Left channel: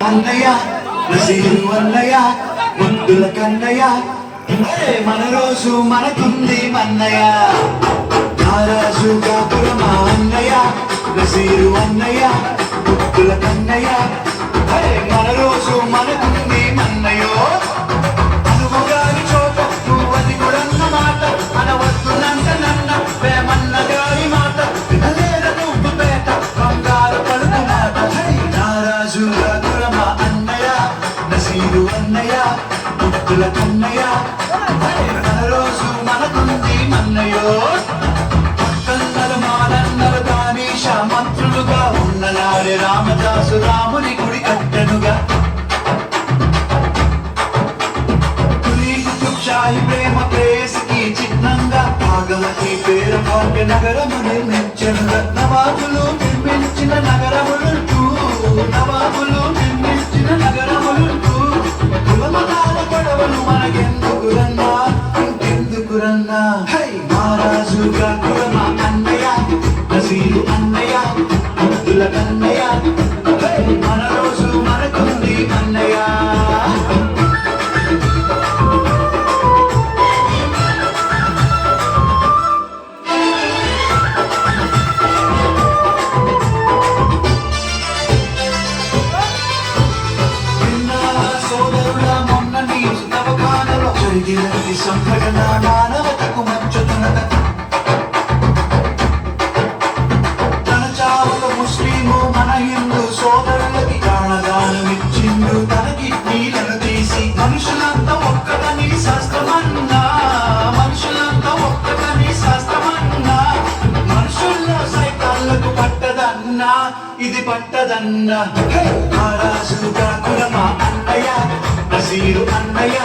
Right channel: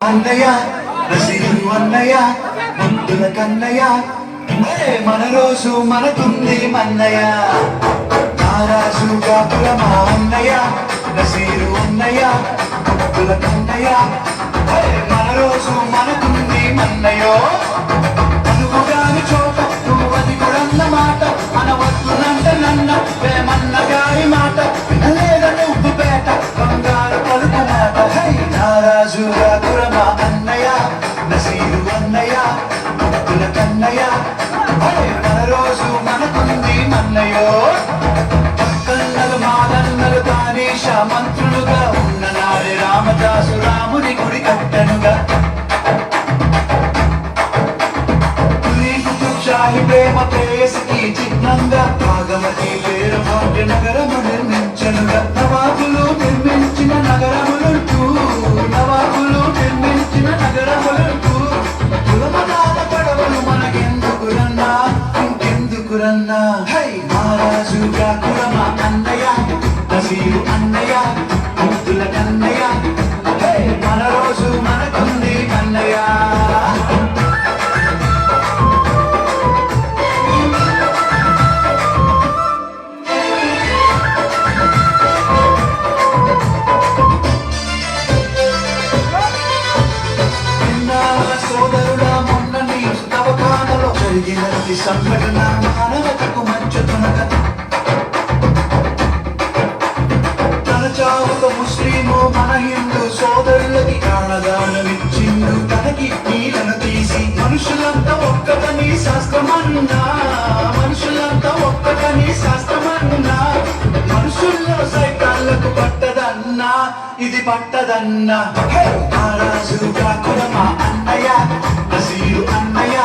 అన్నయ్య రసీదు అన్నయ్య ముద్దుల కన్నయ్య మన రోజు మనకుంది మన్నయ్య నారాజు కాకుల మా అన్నయ్య రసీదు అన్నయ్య ముద్దుల కన్నయ్య మన రోజు మనకుంది మన్నయ్యో నువ్వు గారి చోట నువ్వు అది కూడన్న మాట అనవద్దునంత నన్న వేమన్న గారి మాట వినలేద నువ్వు పేట బంగారు పలుకు మాట నారాజు కాకుల మా అన్నయ్య రసీదు అన్నయ్య ముద్దుల కన్నయ్య మన రోజు మనకుంది మన్నయ్యో పక్కన్నలు మాదన్నలు కానీష మంత్రులుగా ఉన్న నాడే రామదాసు రాముని గుడి కట్టెనుగా షాహి ప్రేమ ప్రేయసికి చిహ్నంగా భాగమతి పేరు భాగ్య నగరము నిర్మించనుగా నవాబులు నిర్మించిన నగరములుంటూ నవాబులు నిర్మించిన నగరములుంటూ యువతకాల గొడవలు మనకెందుకురన్నా ఇంకెందుకురన్నా హై మహారాజు కాకుల మా అన్నయ్య రసీదు అన్నయ్య ముద్దుల కన్నయ్య హై మన రోజు మనకుంది అన్నయ్య జరిగినది సంఘటన మానవతకు మంచుతున్నద తన చావక ముస్లిము మన హిందూ సోదరులకి ప్రాణదానమిచ్చిండు తనకి నీళ్ళను తీసి మనుషులంతా ఒక్కటని శాస్త్రమన్నా మనుషులంతా ఒక్కటని శాస్త్రమన్నా మనుషుల్లో సైతాన్లకు పట్టదన్నా ఇది పట్టదన్నా నారాజు కాకుల మా అన్నయ్య రసీదు అన్నయ్య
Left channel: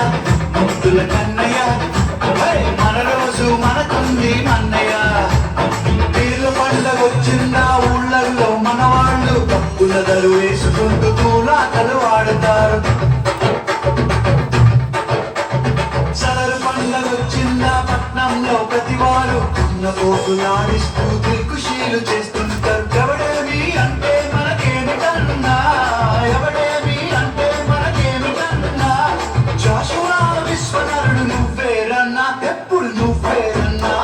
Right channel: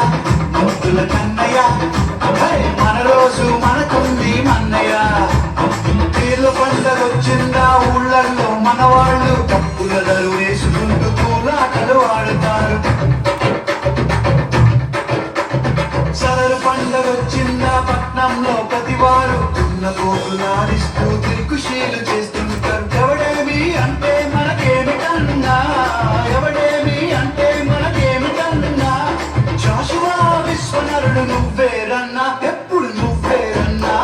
ముద్దుల కన్నయ్య మన రోజు మనకుంది మన్నయ్య తీర్ల పండగొచ్చిందా ఊళ్ళల్లో మనవాళ్ళు తప్పుల దరు వేసుకుంటూ తూలాటలు ఆడుతారు సదరు పండగొచ్చిందా పట్నంలో ప్రతివారు ఉన్న పోతు నాడిస్తూ దిల్కుషీలు చేస్తుంటారు ఎవడేమి అంటే మనకేమిటన్నా ఎవడేమి అంటే మనకేమిటన్నా జాషువా విశ్వనరుడు నువ్వేరన్నా ఎప్పుడు నువ్వేరన్నా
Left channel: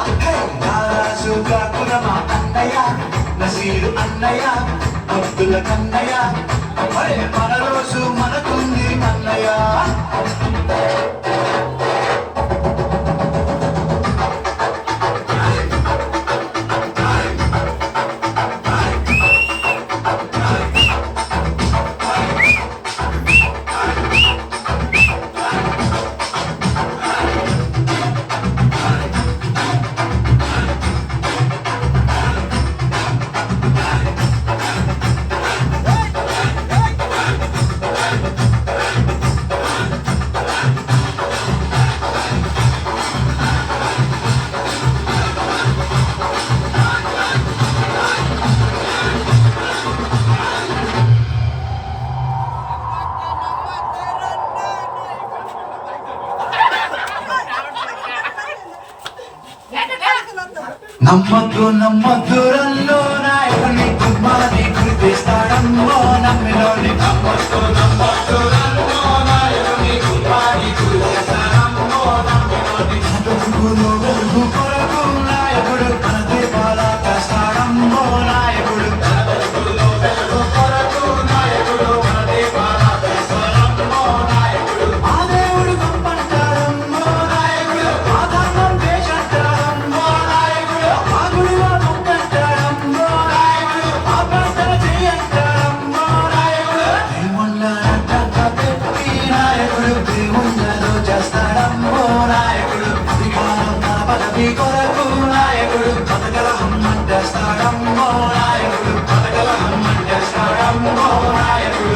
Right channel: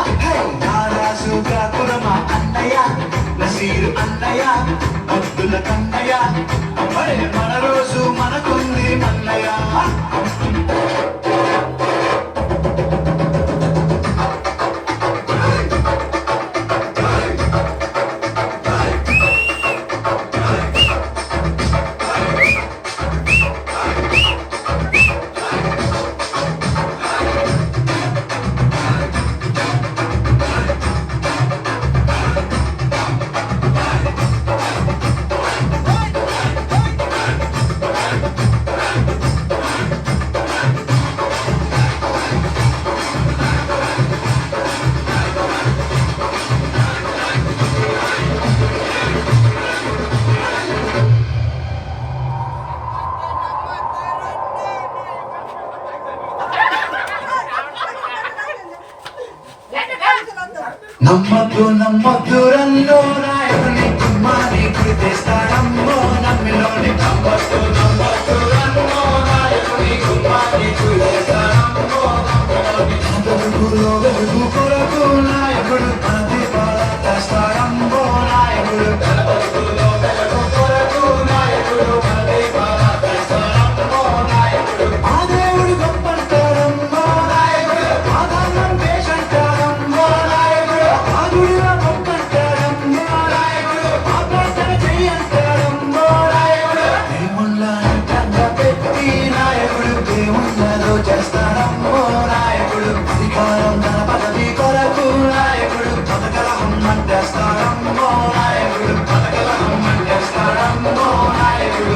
నారాజు కాకుల మా అన్నయ్య నసీరు అన్నయ్య ముద్దుల కన్నయ్య మన రోజు మనకుంది మన్నయ్య నమ్మద్దు నమ్మద్దు రల్లో నాయకుని కుమ్మాని గురి తెస్తాడమ్మో నమ్మిలోని నమ్మద్దు నమ్మద్దు రల్లో నాయకుని కుమ్మాని గురి తెస్తాడమ్మో నమ్మిలోని వెలుగు కొరకు నాయకుడు మన దీపాల తెస్తాడమ్మో నాయకుడు వెలుగు కొరకు నాయకుడు మన దీపాల తెస్తాడమ్మో నాయకుడు ఆ దేవుడు గొప్పంటాడమ్మో నాయకుడు ఆధారం వేషంటాడమ్మో ఆగుడుగా మొక్కంటాడమ్మో నాయకుడు ఆ ప్రార్థన చెయ్యంటాడమ్మో నాయకుడు దేవుళ్ళంటంగా పెట్టి నాయకుడు దేవుళ్ళలో చేస్తాడమ్మో నాయకుడు అధికారం తన పదవి కొరకు నాయకుడు పథకలహం అంటేస్తాడమ్మో నాయకుడు పథకలహం అంటేస్తాడమ్మో నాయకుడు